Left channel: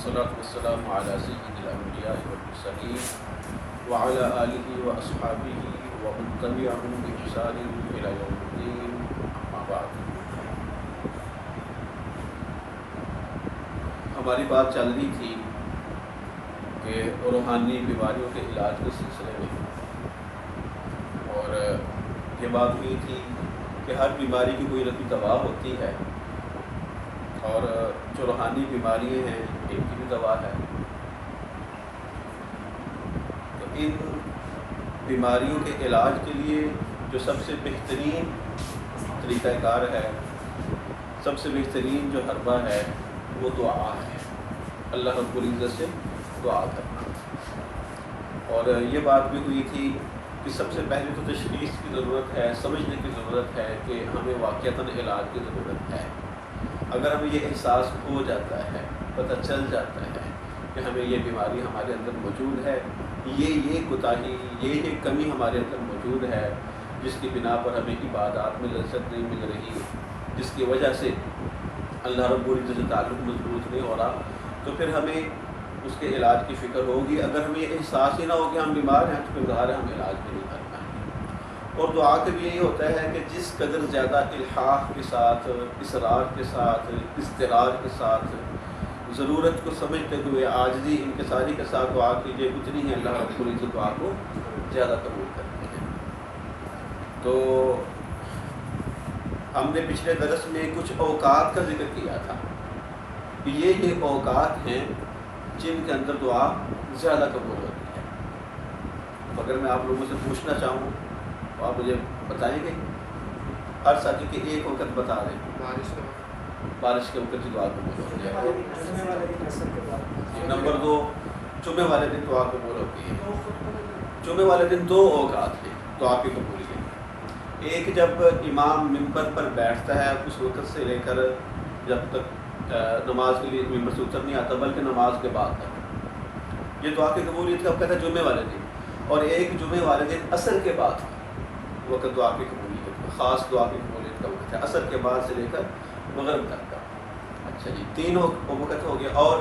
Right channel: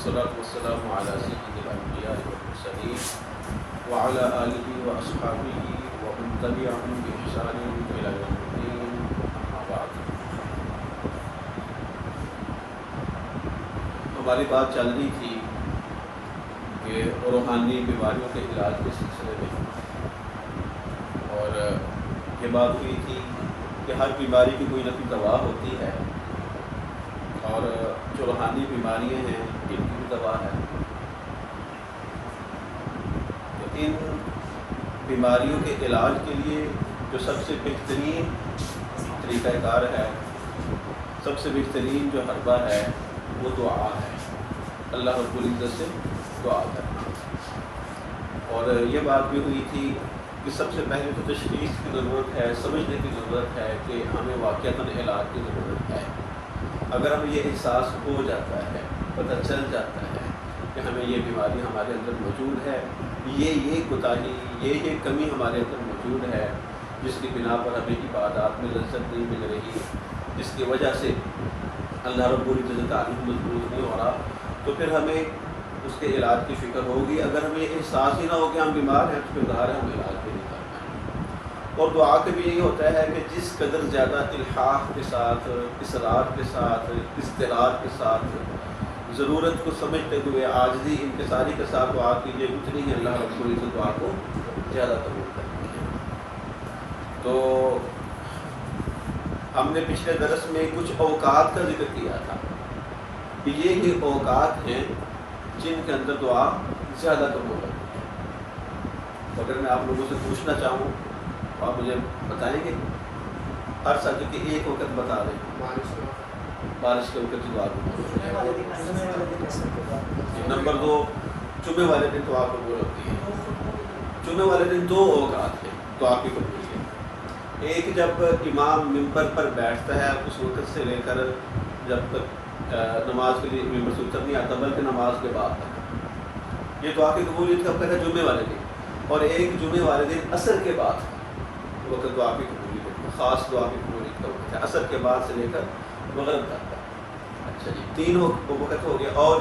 والصلاة والسلام على سيد الأنبياء والمرسلين وعلى آله وأصحابه ومن تبعهم بإحسان إلى يوم الدين أما بعد۔ ہماری بات چل رہی تھی کہ روحانی بیماریوں کے علاج کے سلسلے میں، اور یہ بات ہوئی تھی کہ ہر بیماری کی کوئی نہ کوئی دوا ہوتی ہے، اور جو روحانی بیماریاں ہیں ان کی بھی دوا ہے۔ تو ان بیماریوں کے علاج کے لیے جو سب سے بہترین طریقہ کار ہے، سب سے بہترین جو حربہ ہے وہ دعا ہے، اللہ رب العزت سے دعا کرنا۔ اور یہ بات بھی ہوئی تھی کہ سب سے پہلے تو تشخیص کی ضرورت ہے، سمجھنے کی ضرورت ہے کہ ہمیں واقعتاً علاج کی ضرورت ہے۔ اگر ہمیں یہ احساس ہو جاتا ہے، پتہ چل جاتا ہے کہ ہمیں یہ بیماری ہمارے اندر موجود ہے، یہ کوتاہی، یہ کمی ہمارے اندر موجود ہے، جس کی بنا پر ہمیں عبادات میں لذت نہیں مل رہی، جس کی وجہ سے اللہ رب العزت سے تعلق مضبوط نہیں ہو رہا، تو پھر ہمیں اس کے علاج کی فکر ہوگی۔ اگر ہمیں یہ احساس ہی نہ ہو کہ ہم بیمار ہیں تو پھر ظاہر ہے ہم علاج بھی نہیں کر پائیں گے۔ اور دعا کا بھی یہی ہوتا ہے کہ جس قدر زیادہ الحاح کے ساتھ، اصرار کے ساتھ، اضطرار کے ساتھ، ضرورت کو سمجھتے ہوئے عاجزی انکساری کے ساتھ دعا کیجیے، اتنی ہی اللہ رب العزت دعا کو زیادہ قبول کرتی ہے۔ تو ہم نے پچھلے درس میں کچھ اوقات کا ذکر کیا تھا کہ یہ اوقات ہیں جن کے اندر دعا زیادہ قبول ہوتی ہے۔ تو اگر میں آپ لوگوں سے پوچھنا چاہوں تو آپ مجھے بتائیں گے؟ ہر ساتھ کہ ایک وقت بتا دیں۔ بارش کے وقت کی دعا قبول ہوتی ہے۔ نمبر 2، جمعے والے دن دعا قبول ہوتی ہے۔ جمعے والے دن 2 اوقات ہیں دعا کی قبولیت۔ ایک جب امام ممبر پر بیٹھتا ہے، اس وقت سے لے کر جب تک نماز کے لیے ممبر سے اتر نہیں آتا، بلکہ نماز کے بعد تک، یہ دعا کی قبولیت کا وقت ہے جمعے والے دن۔ اور ایک جمعے والے دن عصر کے بعد وقت دعا کی قبولیت کا، خاص دعا کی قبولیت کا وقت ہے، عصر کے بعد سے لے کر مغرب تک کا۔ اچھا جی، 3 وقت ہو گیا۔ اور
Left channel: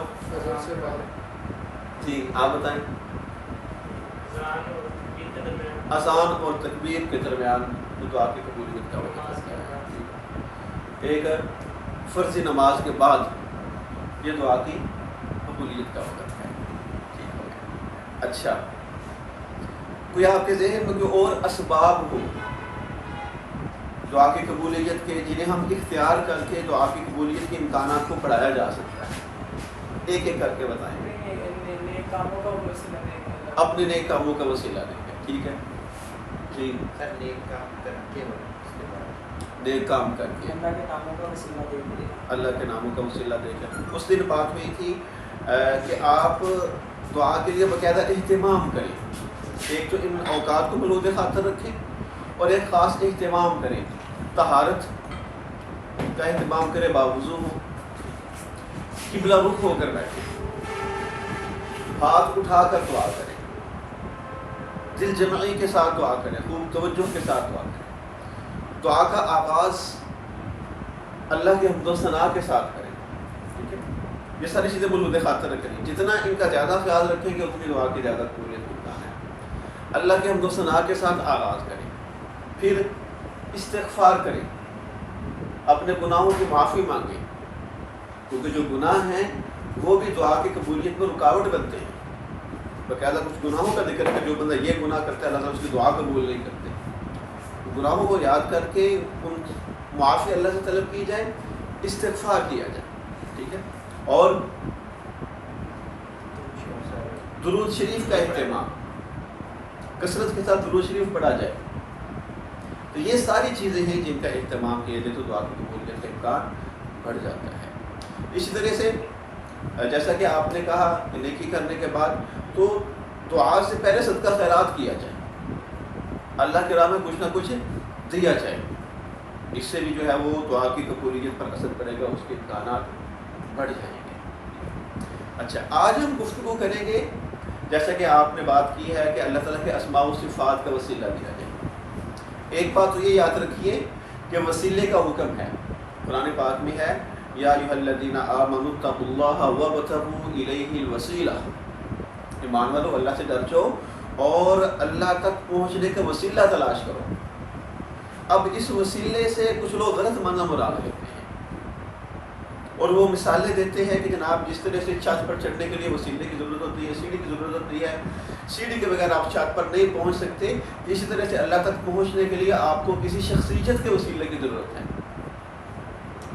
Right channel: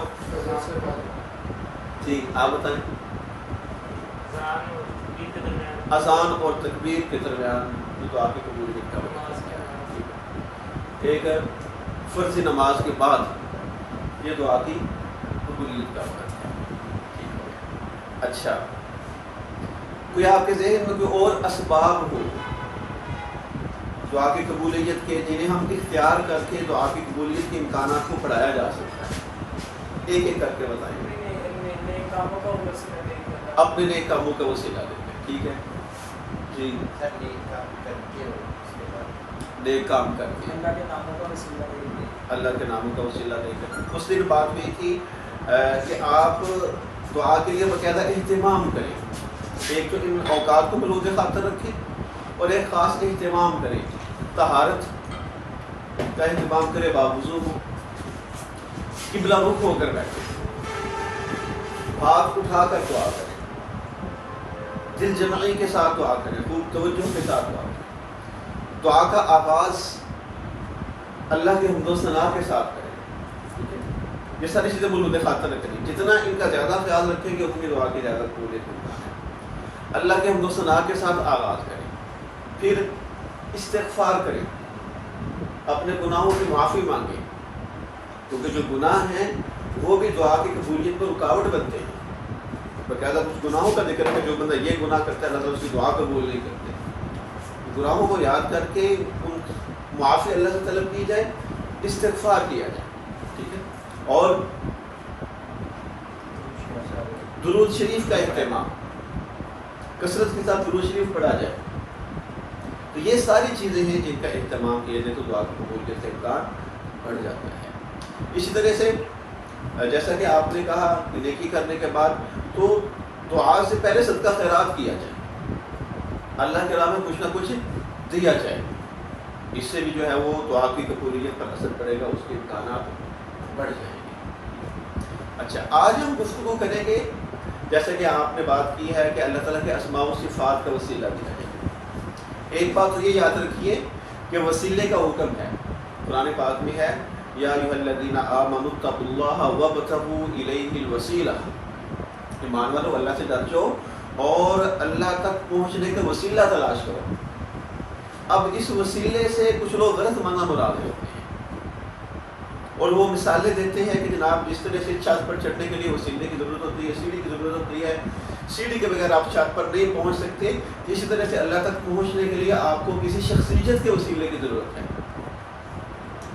جی آپ بتائیں؟ اذان اور تکبیر کے درمیان جو دعا کی قبولیت کا وقت ہے۔ ایک فرضی نماز کے بعد یہ دعا کی قبولیت کا وقت ہے۔ ٹھیک ہو گیا۔ اچھا، کوئی آپ کے ذہن میں کوئی اور اسباب ہو دعا کی قبولیت کے، جنہیں ہم اختیار کر کے دعا کی قبولیت کے امکانات کو بڑھایا جا سکتا ہے؟ ایک ایک کر کے بتائیں۔ اپنے نیک کاموں کا وسیلہ دے کر۔ ٹھیک ہے جی، نیک کام کر کے، اللہ کے ناموں کا وسیلہ دے کر۔ اس دن بات ہوئی تھی کہ آپ دعا کے لیے باقاعدہ اہتمام کریں۔ ایک تو ان اوقات کو ملحوظ خاطر رکھیں، اور ایک خاص اہتمام کریں، طہارت کا اہتمام کریں، باوضو ہو، قبلہ رخ ہو کر بیٹھے، ہاتھ اٹھا کر دعا کریں، دل جمعی کے ساتھ دعا کریں، خوب توجہ کے ساتھ دعا کریں۔ دعا کا آغاز اللہ کے حمد و ثنا کے ساتھ کریں۔ ٹھیک ہے، یہ ساری چیزیں ملحوظ خاطر رکھیں۔ جتنا ان کا زیادہ خیال رکھیں گے اتنی دعا کی زیادہ قبولیت ہوتا ہے۔ اللہ کے حمد و ثنا کے ساتھ آغاز کریں، پھر استغفار کریں، اپنے گناہوں کی معافی مانگیں، کیونکہ جو گناہ ہیں وہ بھی دعا کی قبولیت پر رکاوٹ بنتے ہیں۔ باقاعدہ کچھ گناہوں کا ذکر ہے کہ جو بندہ یہ گناہ کرتا ہے اللہ تعالیٰ اس کی دعا قبول نہیں کرتے۔ گناہوں کو یاد کر کے ان معافی اللہ سے طلب کی جائے، استغفار کیا جائے۔ ٹھیک ہے، اور درود شریف کا اہتمام، کثرت کے ساتھ درود شریف پڑھا جائے۔ تو یہ ساری چیزیں ہیں جن کا اہتمام کیا جائے تو دعا کی قبولیت کا امکان بڑھ جاتا ہے۔ اسی طرح سے جیسا کہ آپ نے کہا کہ نیکی کرنے کے بعد تو دعا سے پہلے صدقہ خیرات کیا جائے، اللہ کے راہ میں کچھ نہ کچھ دیا جائے، اس سے بھی جو ہے وہ دعا کی قبولیت پر اثر پڑے گا، اس کے امکانات بڑھ جائیں گے۔ اچھا، آج ہم گفتگو کریں گے، جیسا کہ آپ نے بات کی ہے کہ اللہ تعالیٰ کے اسماء و صفات کا وسیلہ دیا جائے۔ ایک بات تو یہ یاد رکھیے کہ وسیلے کا حکم ہے، قرآن پاک میں ہے یا ایھا الذین آمنوا اتقوا اللہ وابتغوا الیہ الوسیلہ، ایمان والو اللہ سے ڈر جاؤ اور اللہ تک پہنچنے کا وسیلہ تلاش کرو۔ اب اس وسیلے سے کچھ لوگ غلط معنی مراد لیتے ہیں اور وہ مثالیں دیتے ہیں کہ جناب جس طرح سے چھت پر چڑھنے کے لیے وسیلے کی ضرورت ہوتی ہے، سیڑھی کی ضرورت ہوتی ہے، سیڑھی کے بغیر آپ چھت پر نہیں پہنچ سکتے، اسی طرح سے اللہ تک پہنچنے کے لیے آپ کو کسی شخصیت کے وسیلے کی ضرورت ہے۔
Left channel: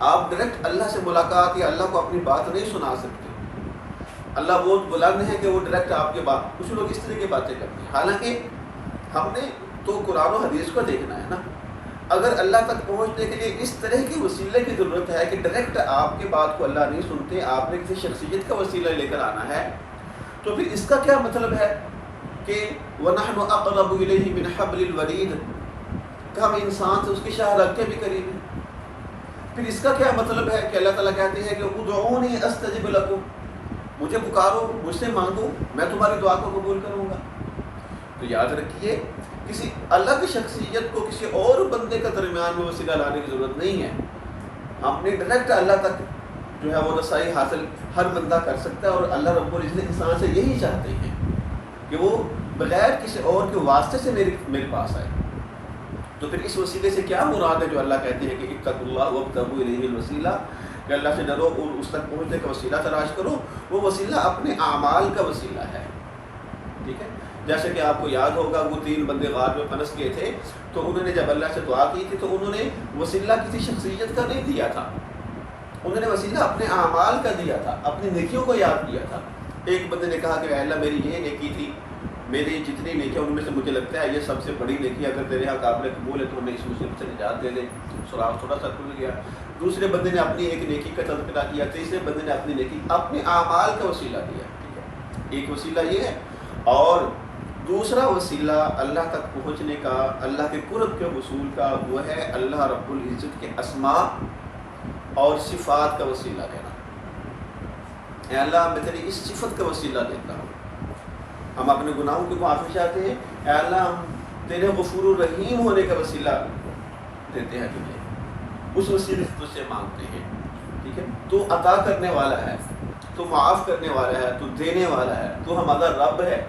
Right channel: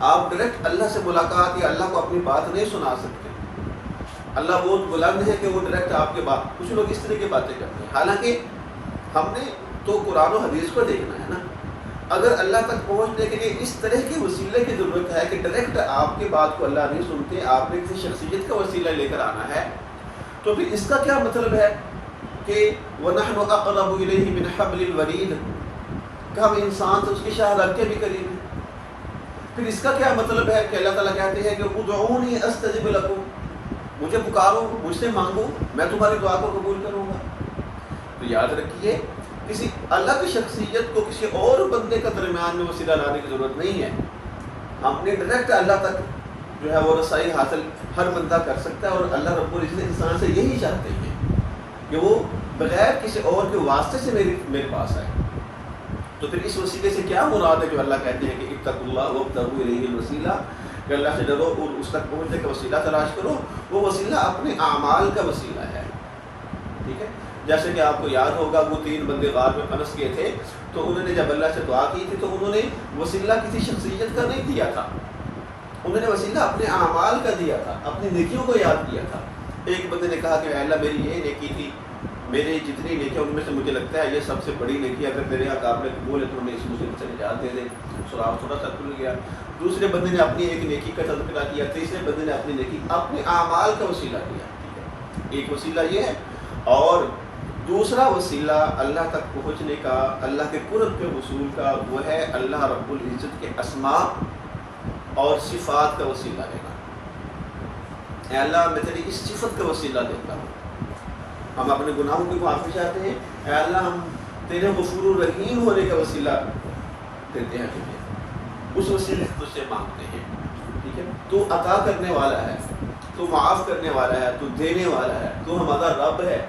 آپ ڈائریکٹ اللہ سے ملاقات یا اللہ کو اپنی بات نہیں سنا سکتے۔ اللہ بہت بلند ہے کہ وہ ڈائریکٹ آپ کے بات، کچھ لوگ اس طرح کی باتیں کرتے ہیں، حالانکہ ہم نے تو قرآن و حدیث کو دیکھنا ہے نا۔ اگر اللہ تک پہنچنے کے لیے اس طرح کے وسیلے کی ضرورت ہے کہ ڈائریکٹ آپ کی بات کو اللہ نہیں سنتے، آپ نے کسی شخصیت کا وسیلہ لے کر آنا ہے، تو پھر اس کا کیا مطلب ہے کہ وَنَحْنُ أَقْرَبُ إِلَيْهِ مِنْ حَبْلِ الْوَرِيدِ، کہ ہم انسان سے اس کی شاہ رگ کے بھی قریب ہیں۔ پھر اس کا کیا مطلب ہے کہ اللہ تعالیٰ کہتے ہیں کہ ادعونی استجب لکم، مجھے پکارو، مجھ سے مانگو، میں تمہاری دعا کو قبول کروں گا۔ تو یاد رکھیے کسی الگ شخصیت کو کسی اور بندے کا درمیان میں وسیلہ لانے کی ضرورت نہیں ہے۔ ہم نے ڈائریکٹ اللہ تک جو ہے وہ رسائی حاصل ہر بندہ کر سکتا ہے، اور اللہ رب العزت انسان سے یہی چاہتے ہیں کہ وہ بغیر کسی اور کے واسطے سے میرے پاس آئے۔ تو پھر اس وسیلے سے کیا مراد ہے جو اللہ کہتے ہیں کہ اتقوا اللہ وابتغوا الیہ الوسیلہ، کہ اللہ سے ڈرو اور اس تک پہنچنے کا وسیلہ تلاش کرو۔ وہ وسیلہ اپنے اعمال کا وسیلہ ہے، ٹھیک ہے؟ جیسے کہ آپ کو یاد ہوگا وہ 3 بندے غار میں پھنس گئے تھے، تو انہوں نے جب اللہ سے دعا کی تھی تو انہوں نے وسیلہ کسی شخصیت کا نہیں دیا تھا، انہوں نے وسیلہ اپنے اعمال کا دیا تھا، اپنی نیکیوں کو یاد کیا تھا۔ ایک بندے نے کہا کہ اے اللہ میری یہ نیکی تھی، میری جتنی نیکیاں ان میں سے مجھے لگتا ہے یہ سب سے بڑی نیکی، اگر تیرے یہاں قابل قبول ہے تو ہمیں اس مصیبت سے نجات دے دے، سراغ تھوڑا سا کھل گیا۔ دوسرے بندے نے اپنی ایک نیکی کا تذکرہ کیا، تیسرے بندے نے اپنی نیکی اپنے اعمال کا وسیلہ دیا، ٹھیک ہے؟ ایک وسیلہ یہ ہے، اور دوسرا وسیلہ اللہ تک پہنچنے کا، اللہ کے قرب کے حصول کا، وہ ہے اللہ رب العزت کے اسماء اور صفات کا وسیلہ لینا۔ اے اللہ میں تیری اس صفت کا وسیلہ دیتا ہوں، ہم اپنے گناہوں کی معافی چاہتے ہیں، اے اللہ ہم تیرے غفور الرحیم ہونے کا وسیلہ دیتے ہیں تجھے، اس وسیلے سے تجھ سے مانگتے ہیں، ٹھیک ہے؟ تو عطا کرنے والا ہے، تو معاف کرنے والا ہے، تو دینے والا ہے، تو ہمارا رب ہے،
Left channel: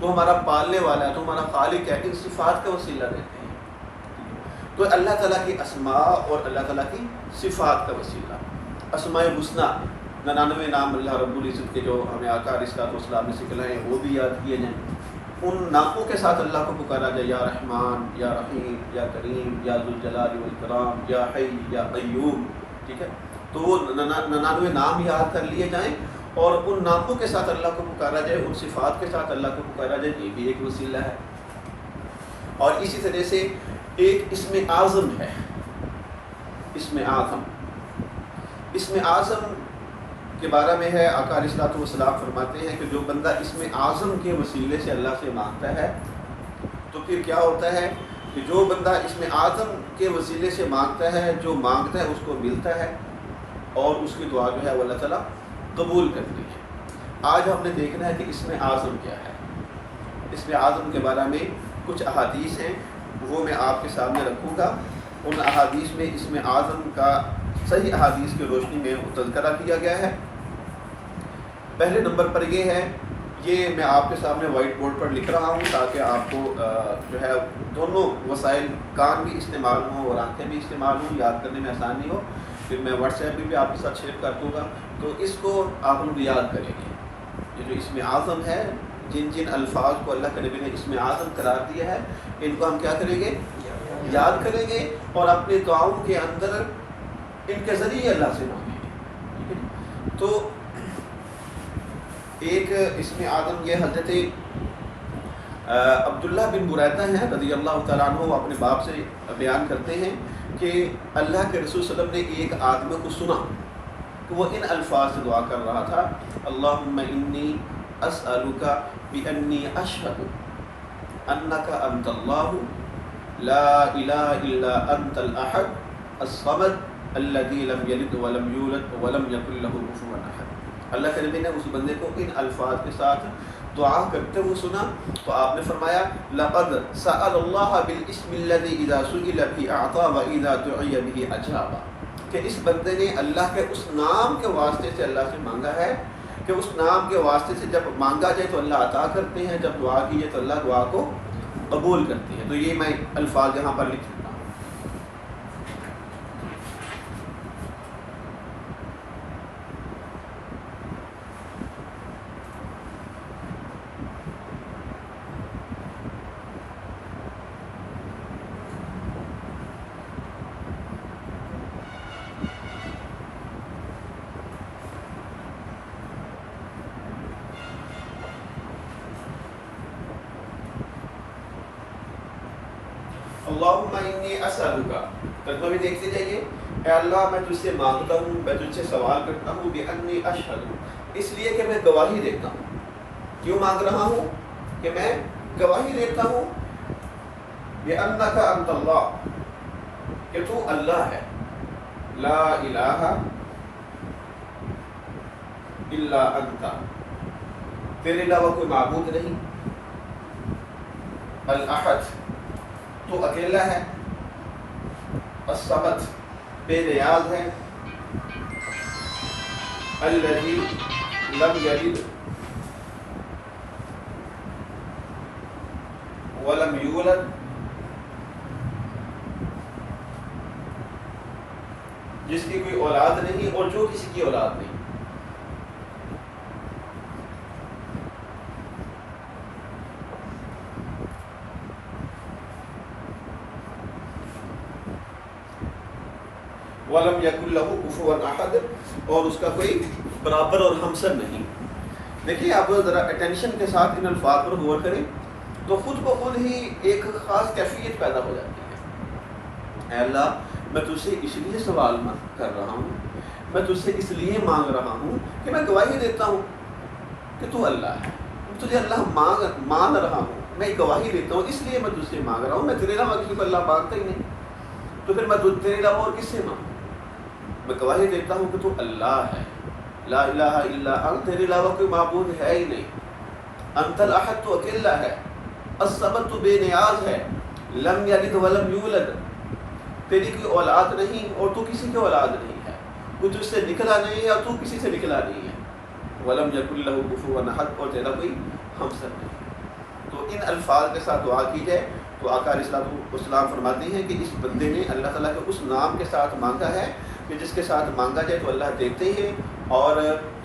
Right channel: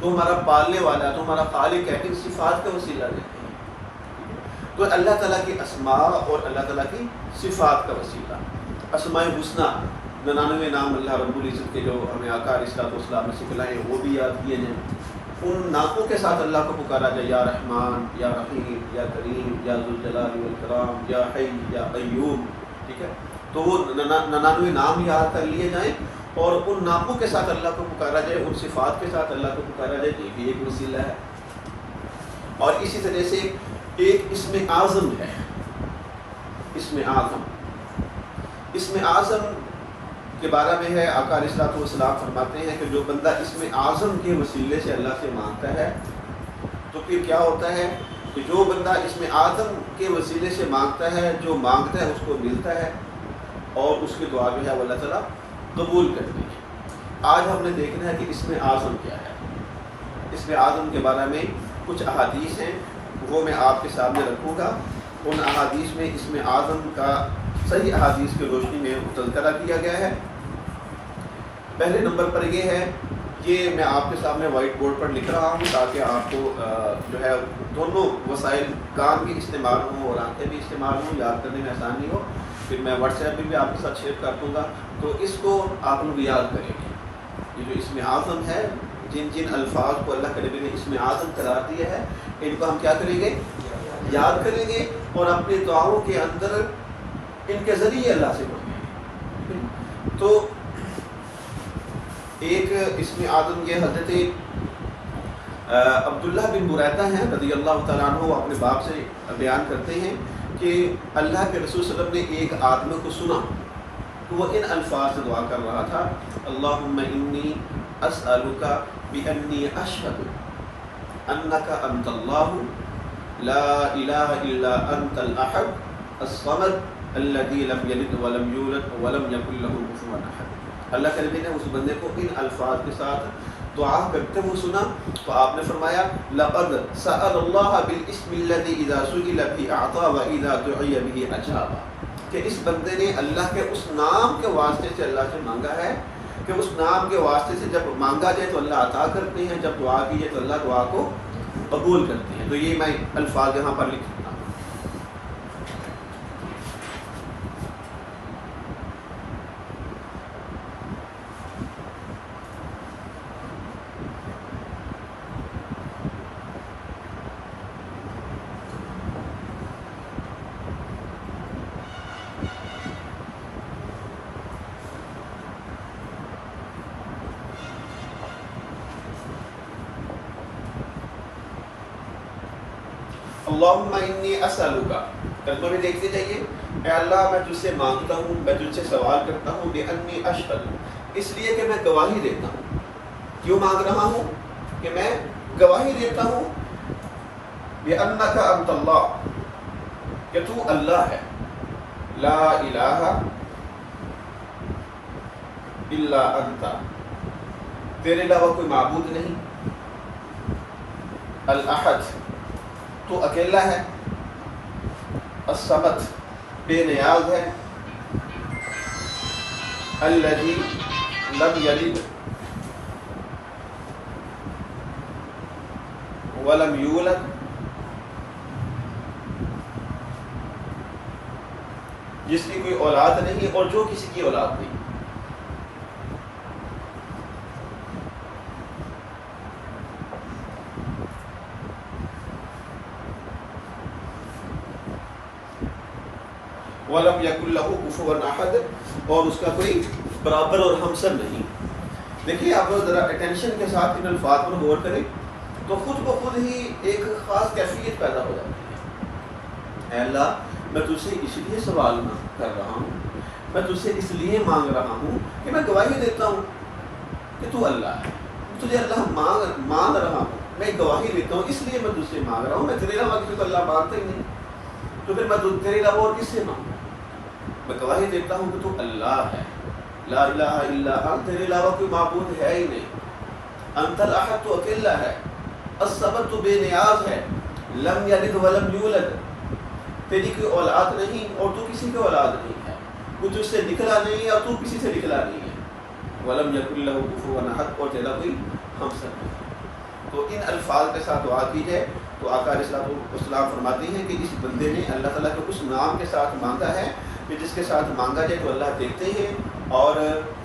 تو ہمارا پالنے والا ہے، تو ہمارا خالق ہے، ان صفات کا وسیلہ دیتے ہیں۔ تو اللہ تعالیٰ کی اسماء اور اللہ تعالیٰ کی صفات کا وسیلہ، اسماء حسنی 99 نام اللہ رب العزت کے جو ہمیں آقا علیہ الصلوۃ والسلام نے سکھلائے ہیں وہ بھی یاد کیے جائیں، ان ناموں کے ساتھ اللہ کو پکارا جائے، یا رحمان، یا رحیم، یا کریم، یا ذوالجلال والکرام، یا حی، یا قیوم، ٹھیک ہے؟ تو وہ 99 نام یاد کر لیے جائیں اور ان ناموں کے ساتھ اللہ کو پکارا جائے، ان صفات کے ساتھ اللہ کو پکارا جائے، یہ بھی ایک وسیلہ ہے۔ اور اسی طرح سے ایک اسم اعظم ہے، اسم اعظم، اسم اعظم کے بارے میں ہے آقا علیہ الصلوۃ والسلام فرماتے ہیں کہ جو بندہ اسم اعظم کے وسیلے سے اللہ سے مانگتا ہے تو پھر کیا ہوتا ہے کہ جو بندہ اسم اعظم کے وسیلے سے مانگتا ہے، جو مانگتا ہے اس کو ملتا ہے، اور اس کی دعا جو ہے وہ اللہ تعالیٰ قبول کرتی ہے۔ آج ہم نے دیکھنا ہے کہ اسم اعظم کیا ہے۔ اسم اعظم کے بارے میں کچھ احادیث ہیں، وہ میں آپ کے سامنے رکھوں گا۔ ان احادیث میں اسم اعظم کا صحیح احادیث کی روشنی میں تذکرہ کیا گیا ہے۔ پہلے نمبر پر یہ ہے، یہ میں آپ کے سامنے وائٹ بورڈ پر لکھ رہا ہوں تاکہ آپ کو جو ہے دونوں وسائل، کان بھی استعمال ہوں اور آنکھیں بھی استعمال ہوں، یاد کرنے میں آسانی ہو۔ پھر میں واٹس ایپ پہ بھی آپ کے ساتھ شیئر کر دوں گا، تو اس کو آپ لوگ یاد کریں گے۔ یہ جو اسم اعظم ہے، جن جن الفاظ کو اللہ کے نبی نے اسم اعظم قرار دیا ہے، ان کو ہم کیا کریں گے؟ یاد کریں گے اور اپنی دعاؤں کے اندر ان کے ذریعے اللہ سے مانگیں گے۔ تو ایک اسم اعظم یہ حضرت عبداللہ بن بریدہ ہیں رضی اللہ تعالیٰ عنہ، وہ اپنے باپ سے بیان کرتے ہیں کہ اللہ کے رسول صلی اللہ علیہ وسلم نے ایک آدمی کو سنا کہ وہ ان الفاظ سے دعا کر رہا تھا، اللہم انی اسألک بانی اشہد انک انت اللہ لا الہ الا انت الاحد الصمد الذی لم یلد ولم یولد ولم یکن لہ کفوا احد۔ اللہ کے نبی نے اس بندے کو ان الفاظ کے ساتھ دعا کرتے ہوئے سنا تو آپ نے فرمایا لقد سأل اللہ بالاسم الذی اذا سئل به اعطى واذا دعی به اجاب۔ کہ اس بندے نے اللہ کے اس نام کے واسطے سے اللہ سے مانگا ہے کہ اس نام کے واسطے سے جب مانگا جائے تو اللہ عطا کرتے ہیں، جب دعا کی جائے تو اللہ دعا کو قبول کرتے ہیں۔ تو یہ میں الفاظ یہاں پر لکھ دیتا ہوں۔ اللہم انی اسألک، ترجمہ بھی دیکھتے جائیے، اے اللہ میں تجھ سے مانگتا ہوں، میں تجھ سے سوال کرتا ہوں، بانی اشہد، اس لیے کہ میں گواہی دیتا ہوں۔ کیوں مانگ رہا ہوں؟ کہ میں گواہی دیتا ہوں بانک انت اللہ، کہ تو اللہ ہے، لا الہ الا انت، تیرے علاوہ کوئی معبود نہیں، الاحد، تو اکیلا ہے، الصمد، بے نیاز ہے، الذی لم یلد ولم یولد، جس کی کوئی اولاد نہیں اور جو کسی کی اولاد نہیں۔ وَلَمْ يَكُنْ لَهُ كُفُوًا أَحَدٌ، اور اس کا کوئی برابر اور ہمسر نہیں۔ دیکھیے آپ ذرا اٹینشن کے ساتھ ان الفاظ پر غور کریں تو خود بخود ہی ایک خاص کیفیت پیدا ہو جاتی ہے۔ اے اللہ میں تجھ سے اس لیے سوال کر رہا ہوں، میں تجھ سے اس لیے مانگ رہا ہوں کہ میں گواہی دیتا ہوں کہ تو اللہ ہے، تجھے اللہ مان رہا ہوں، میں گواہی دیتا ہوں، اس لیے میں تجھ سے مانگ رہا ہوں، میں تیرے علاوہ کسی کو اللہ مانتا ہی نہیں، تو پھر میں تیرے علاوہ اور کس سے مانگوں؟ میں گواہی دیتا ہوں کہ تو اللہ ہے، لا الہ الا انت، تیرے علاوہ کوئی معبود ہے ہی نہیں، انت الاحد، تو اکیلا ہے، الصمد، تو بے نیاز ہے، لم یلد ولم یولد، تیری کوئی اولاد نہیں اور تو کسی کی اولاد نہیں ہے، کوئی تجھ سے نکلا نہیں ہے اور تو کسی سے نکلا نہیں ہے، ولم یکن لہ کفوا احد، اور تیرا کوئی ہمسر نہیں ہے۔ تو ان الفاظ کے ساتھ دعا کی جائے تو آقا علیہ الصلوۃ والسلام فرماتے ہیں کہ اس بندے نے اللہ تعالیٰ کے اس نام کے ساتھ مانگا ہے کہ جس کے ساتھ مانگا جائے تو اللہ دیتے ہیں، اور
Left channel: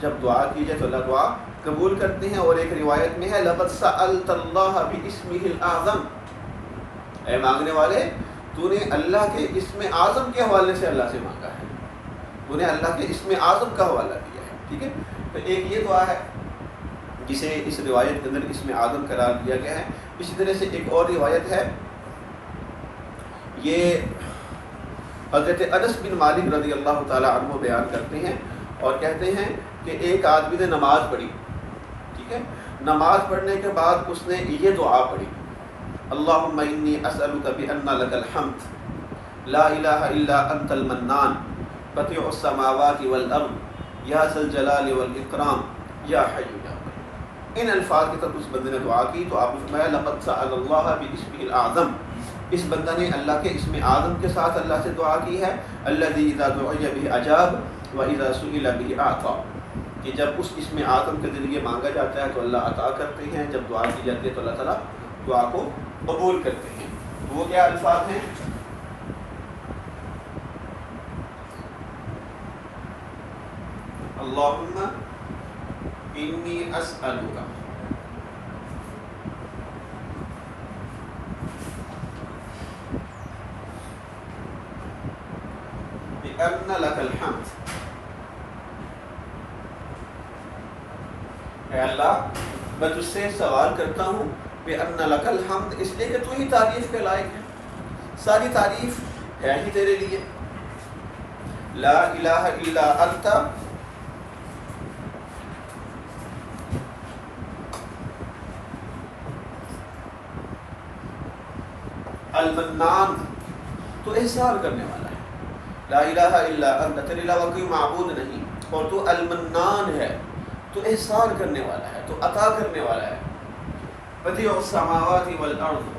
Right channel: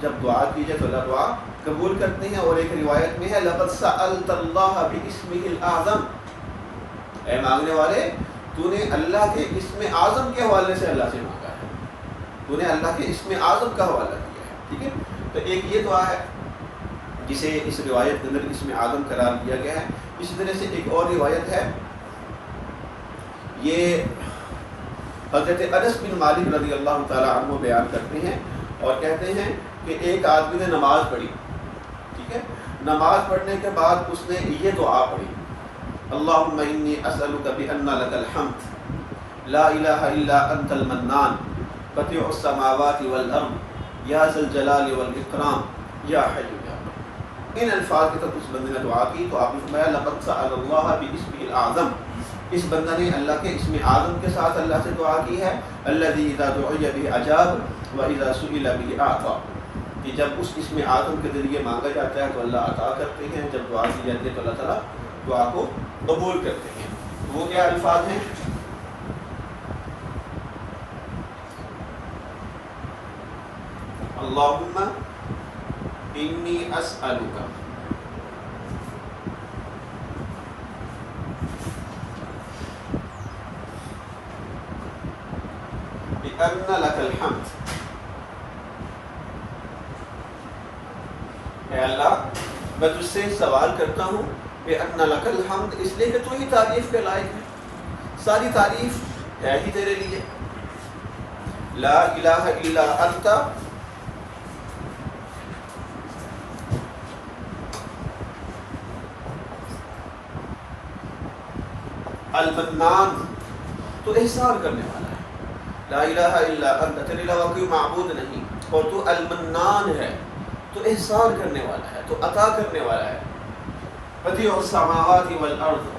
جب دعا کی جائے تو اللہ دعا قبول کرتے ہیں۔ اور ایک روایت میں ہے لقد سألت اللہ باسمہ الاعظم، اے مانگنے والے تو نے اللہ کے اسم اعظم کے حوالے سے اللہ سے مانگا ہے، تو نے اللہ کے اسم اعظم کا حوالہ دیا ہے، ٹھیک ہے۔ تو ایک یہ دعا ہے جسے اس روایت کے اندر اسم اعظم قرار دیا گیا ہے۔ اسی طرح سے ایک اور روایت ہے، یہ حضرت انس بن مالک رضی اللہ تعالی عنہ بیان کرتے ہیں اور کہتے ہیں کہ ایک آدمی نے نماز پڑھی، ٹھیک ہے، نماز پڑھنے کے بعد اس نے یہ دعا پڑھی، اللہم انی اسألک بان لک الحمد لا الہ الا انت المنان بدیع السماوات والارض یا ذا الجلال والاکرام یا حی یا قیوم۔ ان الفاظ کے تحت اس بندے نے دعا کی تو آپ نے فرمایا لقد سأل اللہ باسمہ الاعظم، اس بندہ نے اللہ کے اسم اعظم کے ساتھ اللہ سے دعا کی ہے، الذی اذا دعی بہ اجاب واذا سئل بہ اعطی، کہ جب اس اسم اعظم کے ذریعے مانگا جاتا ہے تو اللہ عطا کرتے ہیں، جب دعا کی جاتی ہے تو اللہ تعالیٰ دعا کو قبول کرتے ہیں۔ وہ کیا الفاظ ہیں؟ اللہم انی اسألک بأن لک الحمد، اے اللہ میں تجھ سے سوال کرتا ہوں بأن لک الحمد، اس لیے کہ تو ہی تعریف کے لائق ہے، ساری تعریف ہے ہی تیرے لیے، لا الہ الا انت، المنان، تو احسان کرنے والا ہے، لا الہ الا انت، تیرے علاوہ کوئی معبود نہیں، اور تو المنان ہے، تو احسان کرنے والا ہے، تو عطا کرنے والا ہے، بدیع السماوات والارض،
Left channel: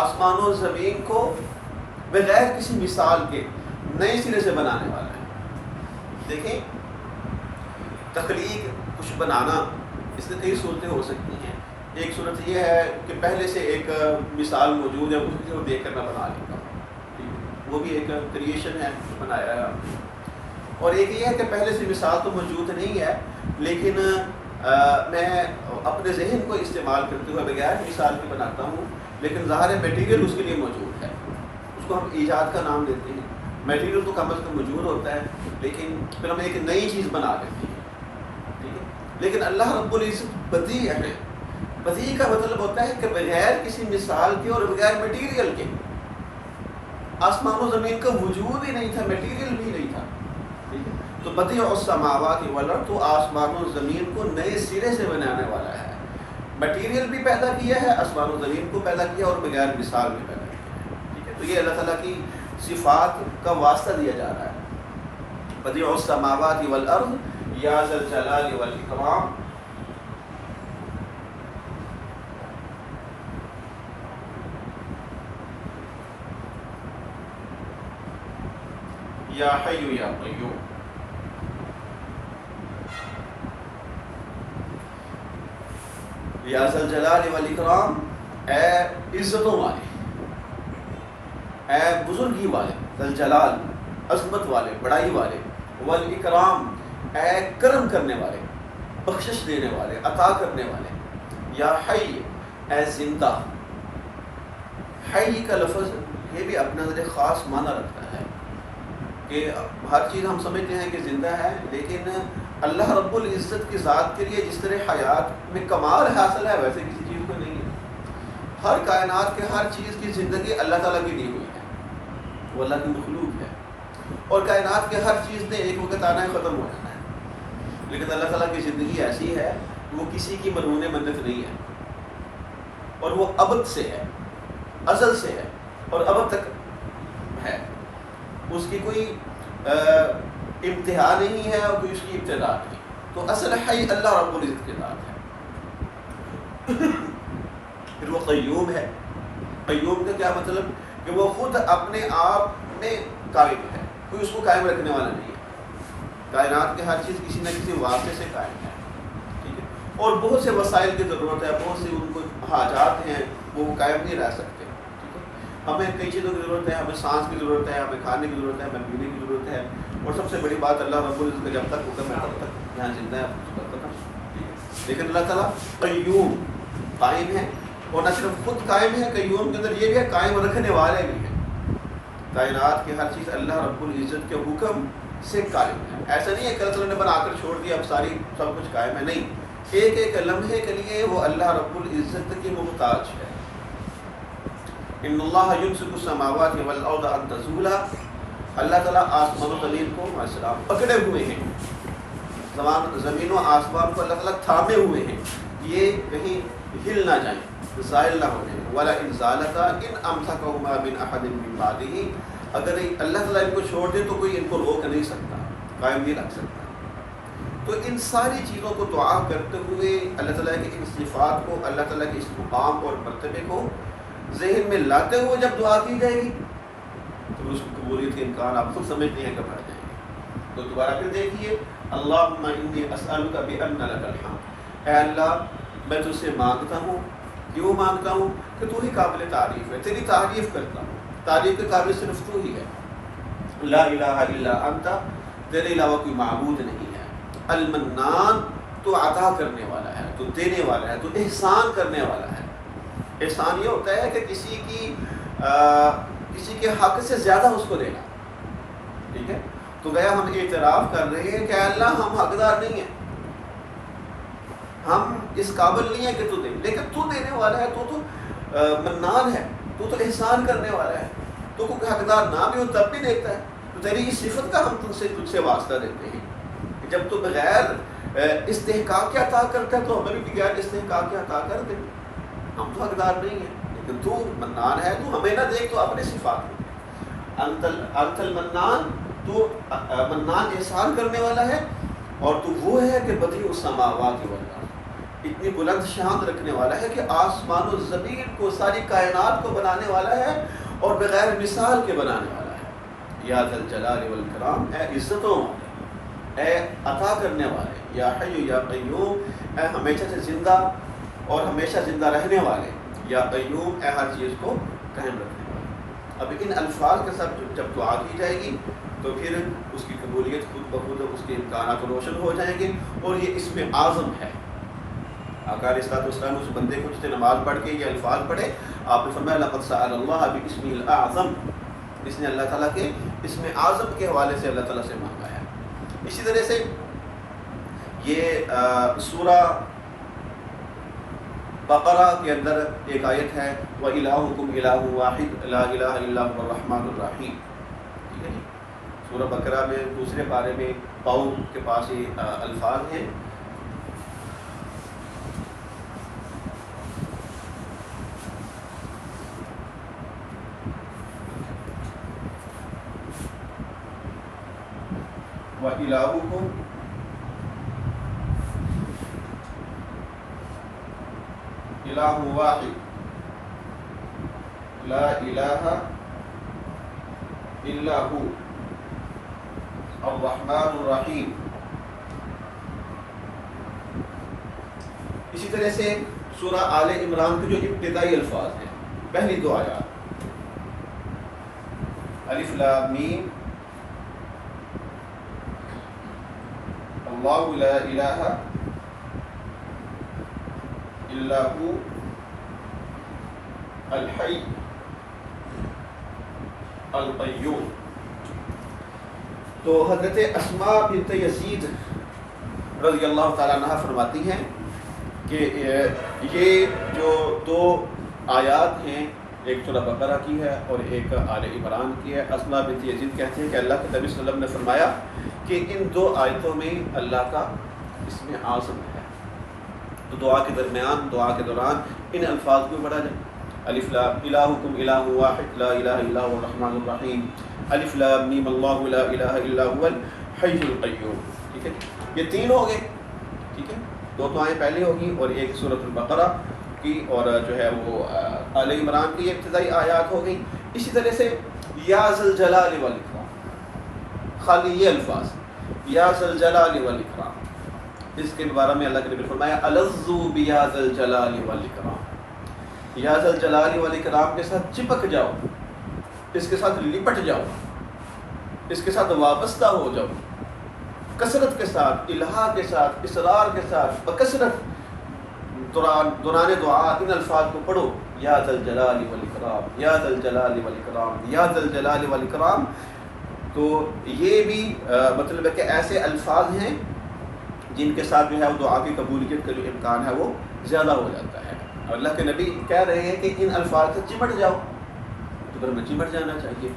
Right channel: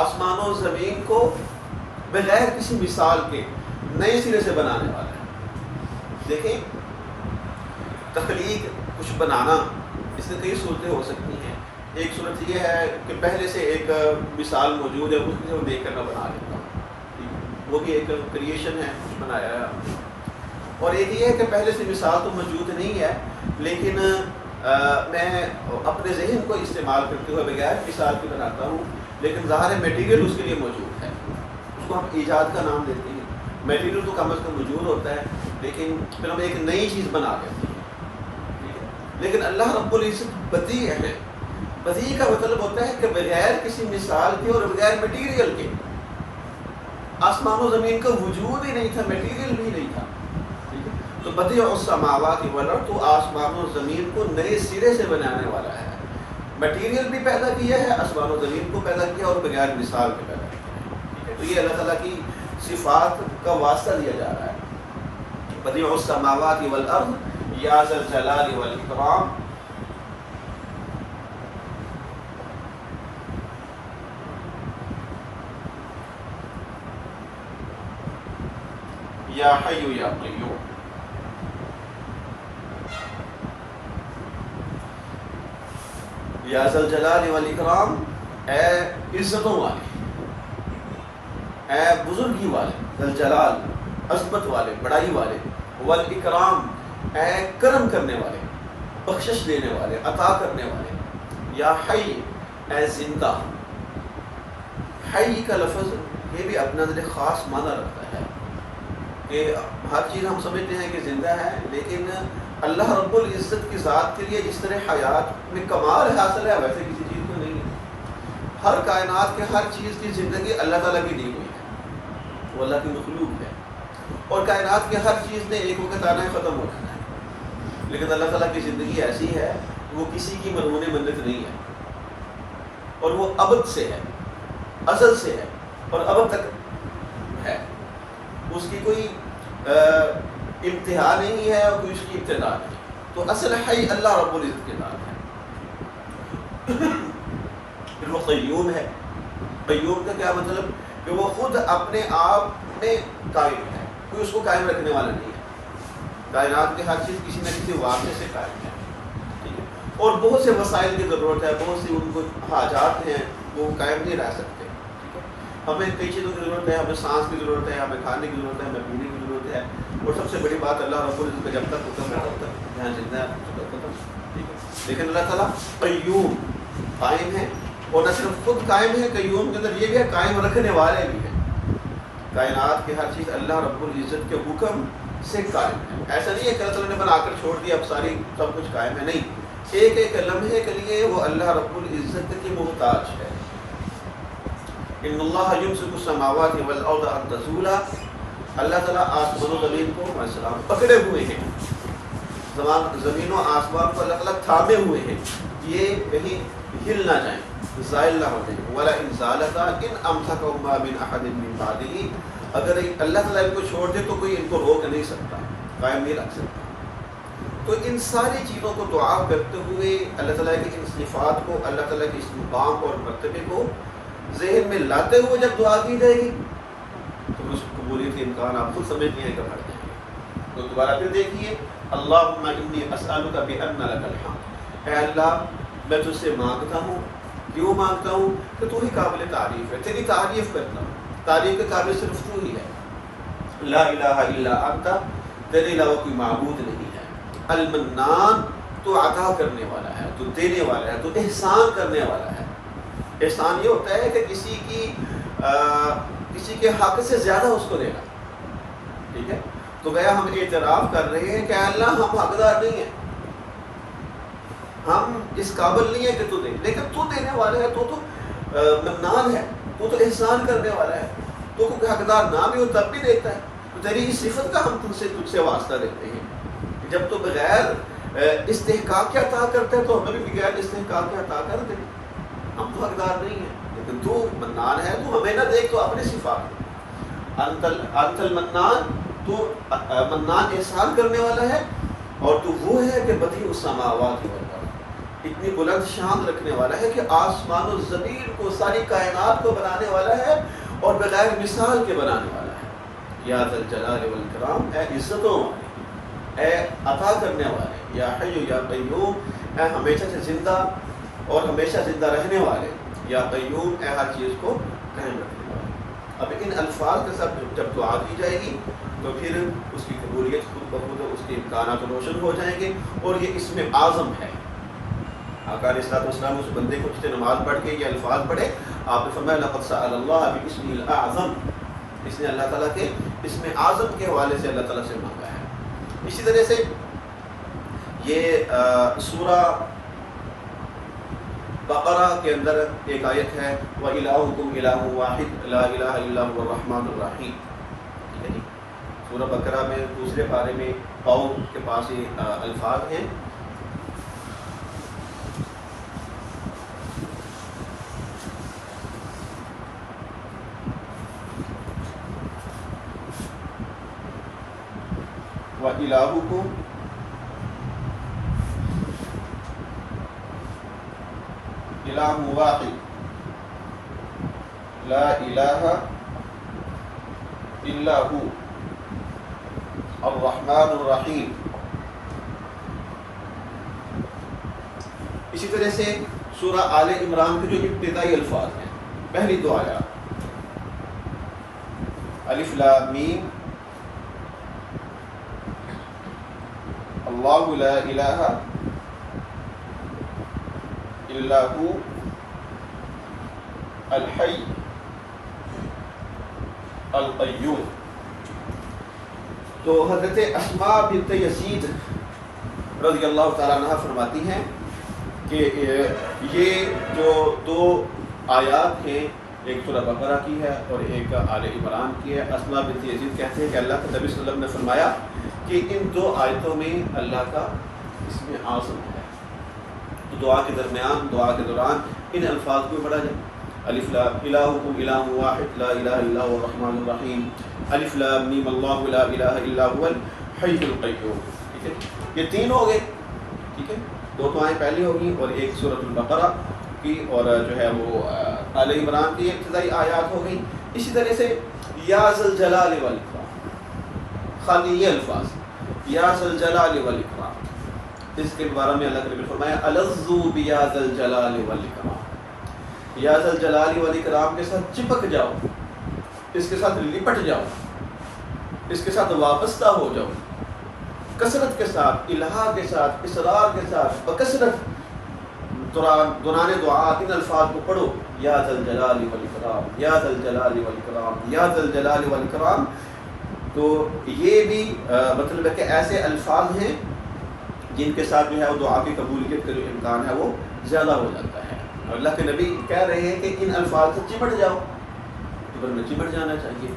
آسمان و زمین کو بغیر کسی مثال کے نئے سرے سے بنانے والا ہے۔ دیکھیں، تخلیق کچھ بنانا، اس میں کئی صورتیں ہو سکتی ہیں۔ ایک صورت یہ ہے کہ پہلے سے ایک مثال موجود ہے، اس کو دیکھ کر میں بنا لیتا ہوں، وہ بھی ایک کریشن ہے، کچھ بنایا ہے ہم نے۔ اور ایک یہ ہے کہ پہلے سے مثال تو موجود نہیں ہے، لیکن میں اپنے ذہن کو استعمال کرتے ہوئے بغیر مثال کے بناتا ہوں، لیکن ظاہر میٹیریل اس کے لیے موجود ہے، اس کو ہم ایجاد کا نام دیتے ہیں۔ میٹیریل تو کم از کم موجود ہوتا ہے، لیکن پھر ہم ایک نئی چیز بنا لیتے ہیں، ٹھیک ہے۔ لیکن اللہ رب العزت بدیع ہے۔ بدیع کا مطلب ہوتا ہے کہ بغیر کسی مثال کے اور بغیر میٹیریل کے۔ آسمان و زمین کا وجود ہی نہیں تھا، میٹیریل بھی نہیں تھا، ٹھیک ہے۔ تو بدیع السماوات والارض، تو آسمان و زمین کو نئے سرے سے بنانے والا ہے، میٹیریل بھی پیدا کیا ہے، آسمان و زمین کو پیدا کیا اور بغیر مثال کے پیدا کیا ہے، ٹھیک ہے۔ تو یہ اللہ تعالیٰ کی صفات کا واسطہ دیا جا رہا ہے۔ بدیع السماوات والارض یا ذا الجلال والاکرام، یا حی یا قیوم۔ یا ذا الجلال والاکرام، اے عزتوں والے، اے بزرگی والے، ذا الجلال عظمت والے، بڑائی والے، والاکرام اے کرم کرنے والے، بخشش دینے والے، عطا کرنے والے، یا حی اے زندہ۔ حی کا لفظ یہ بھی اپنا اندر ایک خاص معنی رکھتا ہے کہ ہر چیز ہم سمجھتے ہیں کہ زندہ ہے، لیکن اللہ رب العزت کی ذات کے لیے جس طرح حیات میں کمال حاصل ہے ویسے کسی چیز کو نہیں ہے۔ ہر کائنات کے ہر چیز کی زندگی اللہ تعالیٰ کی دی ہوئی ہے، وہ اللہ کی مخلوق ہے، اور کائنات کے ہر چیز نے ایک وقت آنا ہے، ختم ہو جانا ہے، لیکن اللہ تعالیٰ کی زندگی ایسی ہے کہ وہ کسی کی مرہون منت نہیں ہے، اور وہ ابد سے ہے، ازل سے ہے اور ابد تک ہے، اس کی کوئی انتہا نہیں ہے اور کوئی اس کی ابتدا نہیں۔ تو اصل حی اللہ رب العزت کے ذات ہے۔ پھر وہ قیوم ہے۔ قیوم کا کیا مطلب؟ کہ وہ خود اپنے آپ میں قائم ہے، کوئی اس کو قائم رکھنے والا نہیں ہے۔ کائنات کی ہر چیز کسی نہ کسی واسطے سے قائم ہے، ٹھیک ہے، اور بہت سے وسائل کی ضرورت ہے، بہت سی ان کو حاجات ہیں، وہ قائم نہیں رہ سکتے، ٹھیک ہے۔ ہمیں کئی چیزوں کی ضرورت ہے، ہمیں سانس کی ضرورت ہے، ہمیں کھانے کی ضرورت ہے، ہمیں پینے کی ضرورت ہے، اور سب سے بڑی بات اللہ رب العزت کا جب تک حکم ہے تب تک جہاں زندہ ہے ختم، ٹھیک ہے۔ لیکن اللہ تعالیٰ قیوم قائم ہے، اور نہ صرف خود قائم ہے، قیوم کے اندر یہ بھی ہے قائم رکھنے والے بھی ہیں۔ کائنات کی ہر چیز اللہ رب العزت کے حکم سے قائم ہے۔ ایسا نہیں ہے کہ اللہ تعالیٰ نے بنا کر چھوڑ دیا اب ساری سب کچھ قائم ہے، نہیں، ایک ایک لمحے کے لیے وہ اللہ رب العزت کی محتاج ہے۔ ان اللہ یمسک السماوات والارض ان تزولا، اللہ تعالیٰ آسمان و زمین کو السلام پکڑے ہوئے ہیں، زمین و آسمان کو اللہ تعالیٰ تھامے ہوئے ہیں، یہ کہیں ہل نہ جائیں، زائل نہ ہو جائیں۔ وَلَئِنْ زَالَتَا إِنْ أَمْسَكَهُمَا مِنْ أَحَدٍ مِّن بَعْدِهِ، اگر اللہ تعالیٰ ان کو چھوڑ دے تو کوئی ان کو روک نہیں سکتا، قائم نہیں رکھ سکتا۔ تو ان ساری چیزوں کو دعا کرتے ہوئے اللہ تعالیٰ کی ان صفات کو، اللہ تعالیٰ کے اس مقام اور مرتبے کو ذہن میں لاتے ہوئے جب دعا کی جائے گی تو اس کی قبولیت کے امکان آپ خود سمجھتے ہیں کہ بڑھ جائیں گے۔ تو دوبارہ پھر دیکھیے، اللہم انی اسألک بأن لک الحمد، اے اللہ میں تجھ سے مانگتا ہوں، کیوں مانگتا ہوں؟ کہ تو ہی قابل تعریف ہے، تیری تعریف کرتا ہوں، تعریف کے قابل صرف تو ہی ہے، لا الہ الا انت، تیرے علاوہ کوئی معبود نہیں ہے، المنان، تو عطا کرنے والا ہے، تو دینے والا ہے، تو احسان کرنے والا ہے۔ احسان یہ ہوتا ہے کہ کسی کے حق سے زیادہ اس کو دینا، ٹھیک ہے۔ تو گیا ہم اعتراف کر رہے ہیں کہ اللہ ہم حقدار نہیں ہیں، ہم اس قابل نہیں ہیں کہ تو دے، لیکن تو دینے والا ہے، تو منان ہے، تو احسان کرنے والا ہے، تو کوئی حقدار نہ بھی ہو تب بھی دیتا ہے۔ تو تیری اس صفت کا ہم تجھ سے واسطہ دیتے ہیں کہ جب تو بغیر استحقاق کے عطا کرتا ہے تو ہمیں بھی بغیر استحقاق کے عطا کر دے، ہم تو حقدار نہیں ہیں، لیکن تو منان ہے، تو ہمیں نہ دیکھ تو اپنے صفات کو، انت المنان، تو منان احسان کرنے والا ہے، اور تو وہ ہے کہ بدیع السماوات والارض، اتنی بلند شان رکھنے والا ہے کہ آسمان و زمین کو، ساری کائنات کو بنانے والا ہے اور بغیر مثال کے بنانے والا ہے۔ یا ذا الجلال والاکرام، اے عزتوں والے، اے عطا کرنے والے، یا حی یا قیوم، اے ہمیشہ سے زندہ اور ہمیشہ زندہ رہنے والے، یا قیوم، اے ہر چیز کو قائم رکھنے والے۔ اب ان الفاظ کے ساتھ جب دعا کی جائے گی تو پھر اس کی قبولیت خود بخود، اس کے امکانات روشن ہو جائیں گے، اور یہ اسم اعظم ہے۔ آقا علیہ الصلوۃ والسلام اس بندے کو جس نے نماز پڑھ کے یہ الفاظ پڑھے، آپ نے فرمایا لقد سأل اللہ باسمہ الاعظم، اس نے اللہ تعالیٰ کے اسم اعظم کے حوالے سے اللہ تعالیٰ سے مانگا ہے۔ اسی طرح سے یہ سورہ بقرہ کے اندر ایک آیت ہے وَإِلَٰهُكُمْ إِلَٰهٌ وَاحِدٌ لَا إِلَٰهَ إِلَّا هُوَ الرَّحْمَٰنُ الرَّحِيمُ، ٹھیک ہے جی۔ سورہ بقرہ میں دوسرے پارے میں قوم کے پاس یہ الفاظ ہیں۔ وَإِلَٰهُكُمْ إِلَٰهٌ وَاحِدٌ لَا إِلَٰهَ إِلَّا هُوَ الرَّحْمَٰنُ الرَّحِيمُ۔ اسی طرح سے سورہ آل عمران کے جو ابتدائی الفاظ ہیں، پہلی دو آیات، الف لام میم، اللہ لا الہ الا هو الحی القیوم۔ تو حضرت اسماء بنت یزید رضی اللہ تعالیٰ عنہ فرماتی ہیں کہ یہ جو دو آیات ہیں، ایک سورہ بقرہ کی ہے اور ایک آل عمران کی ہے، اسماء بنت یزید کہتے ہیں کہ اللہ کے نبی صلی اللہ علیہ وسلم نے فرمایا کہ ان دو آیتوں میں اللہ کا اسم اعظم ہے، تو دعا کے درمیان، دعا کے دوران ان الفاظ کو پڑھا جائے، الف لام الہکم الہ واحد لا الہ الا هو الرحمن الرحیم، الف لام میم اللہ لا الہ الا هو الحی القیوم، ٹھیک ہے۔ یہ تین ہو گئے، ٹھیک ہے، دو دعائیں پہلے ہوگی اور ایک سورۃ البقرہ کی اور جو ہے وہ آل عمران کی ابتدائی آیات ہو گئی۔ اسی طرح سے یا ذا الجلال والاکرام، خالی یہ الفاظ یا ذا الجلال والاکرام، اس کے بارے میں اللہ کے نبی نے فرمایا الذو بیا ذا الجلال والاکرام، یا ذا الجلال والاکرام کے ساتھ چپک جاؤ، اس کے ساتھ لپٹ جاؤ، اس کے ساتھ وابستہ ہو جاؤ، کثرت کے ساتھ، الہا کے ساتھ، اصرار کے ساتھ، بکثرت دوران دعا ان الفاظ کو پڑھو، یا ذا الجلال والاکرام، یا ذا الجلال والاکرام، یا ذا الجلال والاکرام۔ تو یہ بھی مطلب ہے کہ ایسے الفاظ ہیں جن کے ساتھ جو ہے وہ دعا کی قبولیت کا جو امکان ہے وہ زیادہ ہو جاتا ہے۔ اور اللہ کے نبی کہہ رہے ہیں کہ ان الفاظ سے چمٹ جاؤ، تو پھر میں چمٹ جانا چاہیے،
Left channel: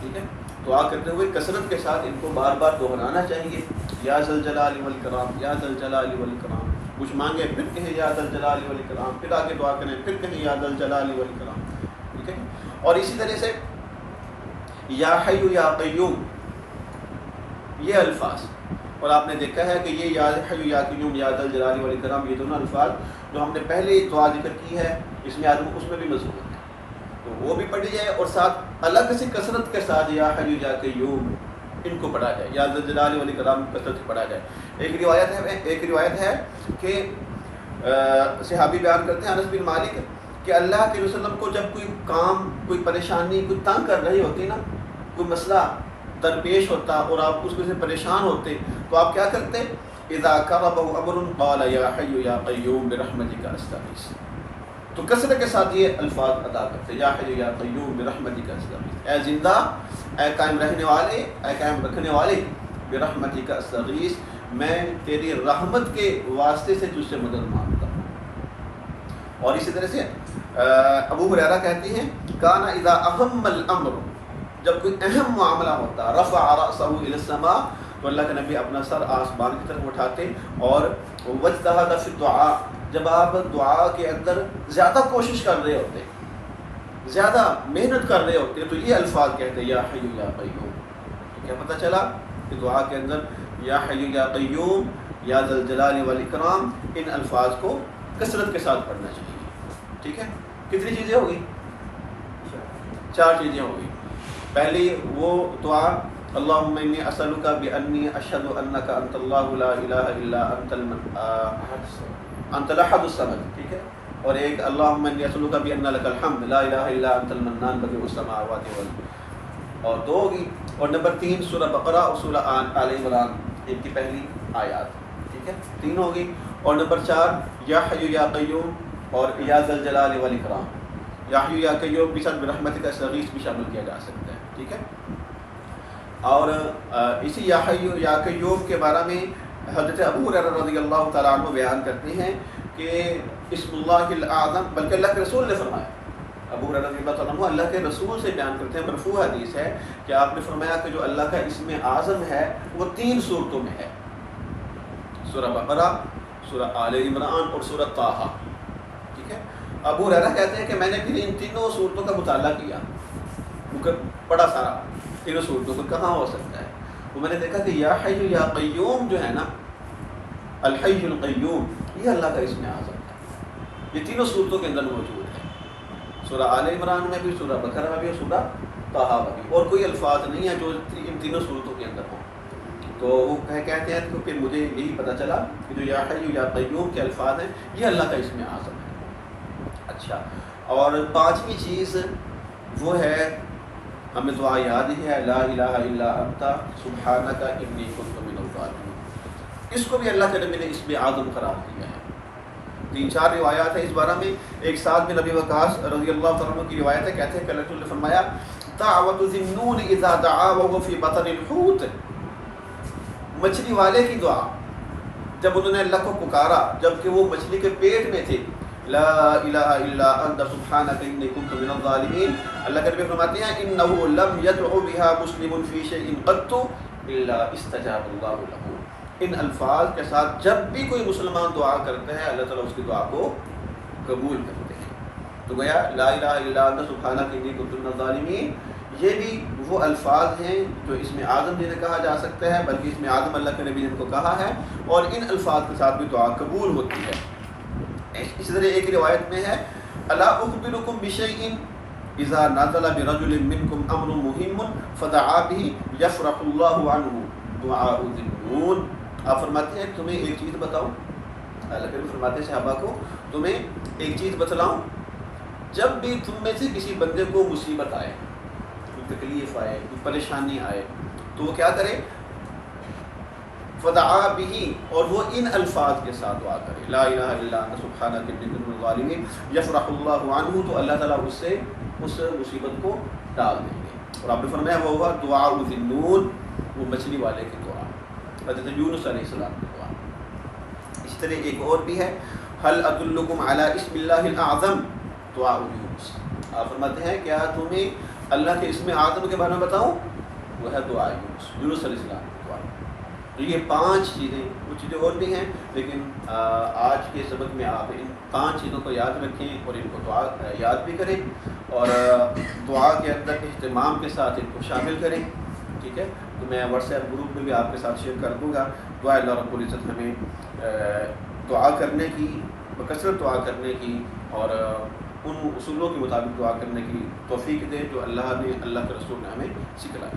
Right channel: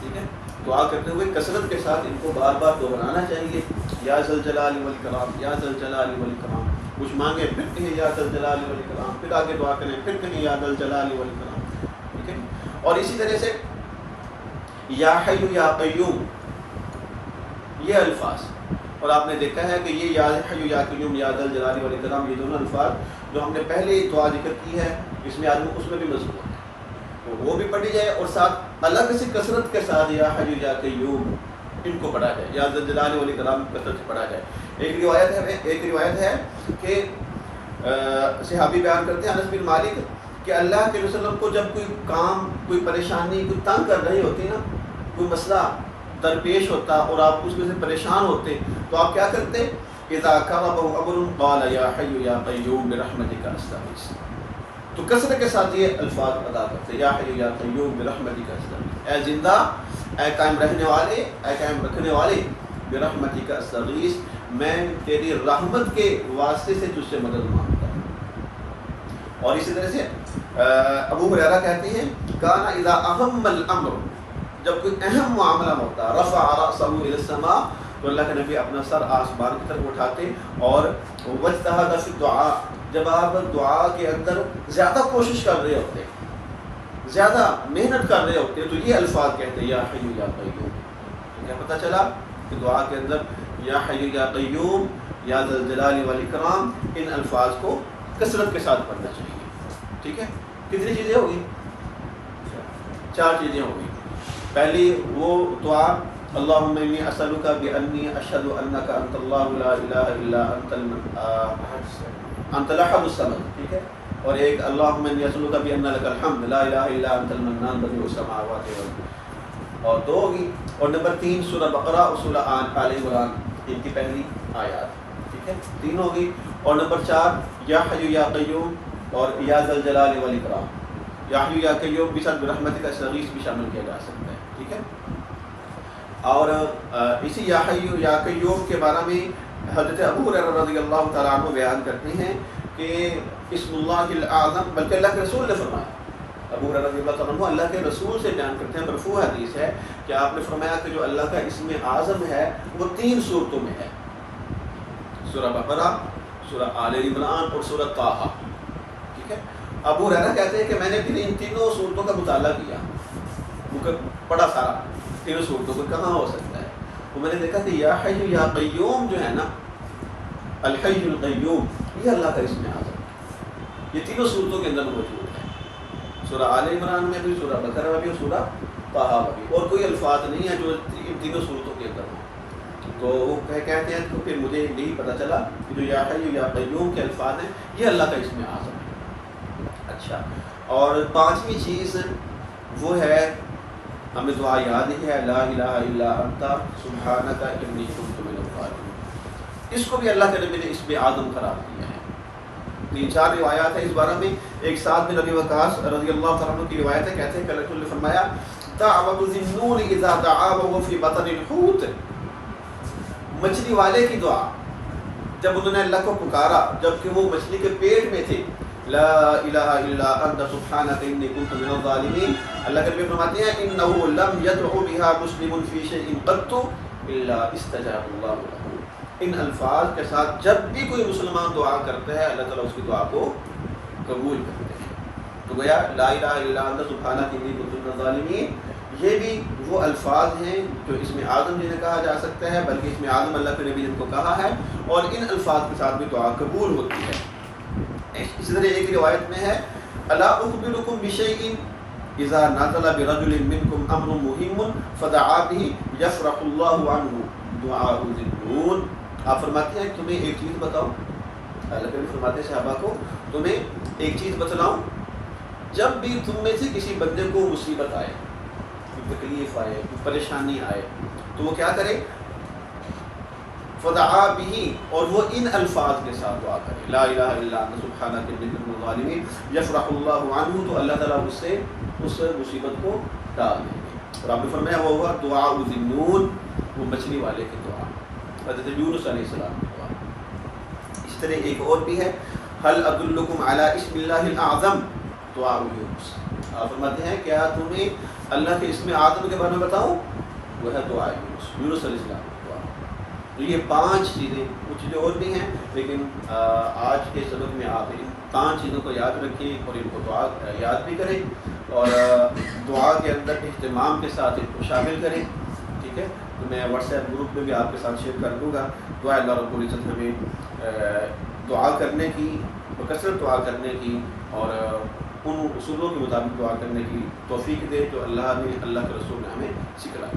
ٹھیک ہے۔ دعا کرتے ہوئے کثرت کے ساتھ ان کو بار بار دہرانا چاہیے، یا ذا الجلال والاکرام، یا ذا الجلال والاکرام، کچھ مانگیں پھر کہیں یا ذا الجلال والاکرام، پھر آگے دعا کریں پھر کہیں یا ذا الجلال والاکرام، ٹھیک ہے۔ اور اسی طرح سے یا حی یا قیوم، یہ الفاظ، اور آپ نے دیکھا ہے کہ یہ یا حی یا قیوم، یا ذا الجلال والاکرام، یہ دونوں الفاظ جو ہم نے پہلے دعا ذکر کی ہے اس میں آدمی اس میں بھی مضبوط ہے، تو وہ بھی پڑھی جائے اور ساتھ الگ سے کثرت کے ساتھ یا حی یا قیوم ان کو پڑھا جائے، یا ذا الجلال والاکرام کثرت سے پڑھا جائے۔ ایک روایت ہے کہ صحابی بیان کرتے ہیں انس بن مالک کہ اللہ کے رسول وسلم کو جب کوئی کام، کوئی پریشانی، کوئی تنگ کر رہی ہوتی نا، کوئی مسئلہ درپیش ہوتا اور آپ اس میں سے پریشان ہوتے، تو آپ کیا کرتے؟ اذا کربہ امر قال یا حی یا قیوم برحمتک استغیث، تو کثرت کے ساتھ یہ الفاظ ادا کرتے، یا حی یا قیوم برحمتک استغیث، اے زندہ، اے قائم رہنے والے، اے قائم رکھنے والے، برحمتک استغیث، میں تیری رحمت کے واسطے سے تجھ سے مدد مانگتا ہوں۔ اور اسی طرح سے ابو ہریرہ کہتے ہیں کان اذا اہم الامر، جب کوئی اہم معاملہ ہوتا، رفع رأسہ الی السماء، تو اللہ کے نبی اپنا سر آسمان کی طرف اٹھاتے، اور واجتہد فی الدعاء، جب آپ دعا کے اندر زیادہ کوشش کر رہے ہوتے، زیادہ محنت کر رہے ہوتے، تو یہ الفاظ کہتے یا حی یا قیوم۔ کیا پتہ چلا کہ دعا کے اندر یا حی یا قیوم یا ذا الجلال والاکرام، ان الفاظ کو کثرت کے ساتھ پڑھنا چاہیے. ٹھیک ہے، کتنی چیزیں ہوگی؟ 4 چیزیں ہوگی. پہلی وہ دعا اللہم انی اسألک بانی اشہد انک انت اللہ لا الہ الا انت الاحد الصمد. ٹھیک ہے، اور ایک اللہم انی اسألک بان لک الحمد لا الہ الا انت المنان بدیع السماوات والارض، اور 2 ہوگی. اور نمبر 3 سورہ بقرہ اور سورہ آل عمران، ان کی پہلی آیات. ٹھیک ہے، 3 ہوگی. اور نمبر 4 یا حی یا قیوم اور یا ذا الجلال والاکرام. یا حی یا قیوم بھی ساتھ برحمتک استغیث بھی شامل کیا جا سکتا ہے. ٹھیک ہے، اور اسی یا حی یا قیوم کے بارے میں حضرت ابو ہریرہ رضی اللہ تعالیٰ عنہ بیان کرتے ہیں کہ اسم اللہ الاعظم، بلکہ اللہ کے رسول نے فرمایا، ابو ہریرہ رضی اللہ تعالیٰ عنہ اللہ کے رسول سے بیان کرتے ہیں، مرفوع حدیث ہے کہ آپ نے فرمایا کہ جو اللہ کا اسم اعظم ہے وہ 3 صورتوں میں ہے، سورہ بقرہ، سورہ آل عمران اور سورہ طٰہٰ. ٹھیک ہے، ابو ہریرہ کہتے ہیں کہ میں نے پھر ان تینوں صورتوں کا مطالعہ کیا، بڑا سارا، تینوں صورتوں کو کہاں ہو سکتا ہے. تو میں نے دیکھا کہ یا حی یا قیوم جو ہے نا، الحی القیوم، یہ اللہ کا اسم اعظم ہے، یہ تینوں صورتوں کے اندر موجود ہے، سورہ آل عمران میں بھی، سورہ بقرہ میں بھی اور سورہ طٰہٰ میں بھی. اور کوئی الفاظ نہیں ہے جو ان تینوں صورتوں کے اندر ہوں. تو وہ کہتے ہیں تو پھر مجھے یہی پتہ چلا کہ جو یا حی یا قیوم کے الفاظ ہیں یہ اللہ کا اسم اعظم ہے. اچھا، اور 5ویں چیز وہ ہے، ہمیں دعا یاد ہی ہے، لا الہ الا انت سبحانک انی کنت من الظالمین. اس کو بھی اللہ کے نبی نے اسم اعظم قرار دیا ہے. 3-4 روایات ہیں اس بارے میں. ایک سعد بن ابی وقاص رضی اللہ تعالیٰ عنہ کی روایت ہے، کہتے ہیں کہ رسول نے فرمایا دعوت ذی النون اذا دعا وهو فی بطن الحوت، مچھلی والے کی دعا جب انہوں نے اللہ کو پکارا جبکہ وہ مچھلی کے پیٹ میں تھے، لا الہ الا انت سبحانک انی کنت من الظالمین. اللہ کے نبی فرماتے ہیں انہ لم یدع بها مسلم فی شیء قط الا استجاب اللہ له. ان الفاظ کے ساتھ جب بھی کوئی مسلمان دعا کرتا ہے اللہ تعالیٰ اس کی دعا کو قبول کرتے ہیں. تو گویا لا الہ الا انت سبحانک انی کنت من الظالمین یہ بھی وہ الفاظ ہیں جو اسم اعظم جنہیں کہا جا سکتا ہے، بلکہ اسم اعظم اللہ کے نبی نے ان کو کہا ہے، اور ان الفاظ کے ساتھ بھی دعا قبول ہوتی ہے. اسی طرح ایک روایت میں ہے الا اخبرکم بشیء اذا نزل برجل منکم امر مهم فدعا به یفرح اللہ عنہ دعاء ذی النون. آپ فرماتے ہیں تمہیں ایک چیز بتاؤں، اللہ کے نبی فرماتے ہیں صحابہ کو تمہیں ایک چیز بتلاؤں، جب بھی تم میں سے کسی بندے کو مصیبت آئے، کوئی تکلیف آئے، کوئی پریشانی آئے، تو وہ کیا کرے، فدعا به، اور وہ ان الفاظ کے ساتھ دعا کرے، لا الہ الا انت سبحانک انی کنت من الظالمین، یفرح اللہ عنہ، تو اللہ تعالیٰ اس سے اس مصیبت کو ٹال دیں گے. اور آپ نے فرمایا وہ ہوا دعاء ذی النون، وہ مچھلی والے کی دعا، حضرت یونس علیہ السلام کی دعا. اسی طرح ایک اور بھی ہے هل ادلکم علی اسم اللہ الاعظم دعاء یونس. آپ فرماتے ہیں کیا تمہیں اللہ کے اسم اعظم کے بارے میں بتاؤں، وہ ہے دعا یونس، یونس علیہ السلام کی دعا. تو یہ 5 چیزیں، کچھ چیزیں اور بھی ہیں لیکن آج کے سبق میں آپ ان 5 چیزوں کو یاد رکھیں اور ان کو دعا یاد بھی کریں اور دعا کے اندر اہتمام کے ساتھ ان کو شامل کریں. ٹھیک ہے، تو میں واٹس ایپ گروپ میں بھی آپ کے ساتھ شیئر کر دوں گا. دعا اللہ رب العزت ہمیں دعا کرنے کی، بکثرت دعا کرنے کی اور ان اصولوں کے مطابق دعا کرنے کی توفیق دے جو اللہ نے، اللہ کے رسول نے ہمیں سکھلائی.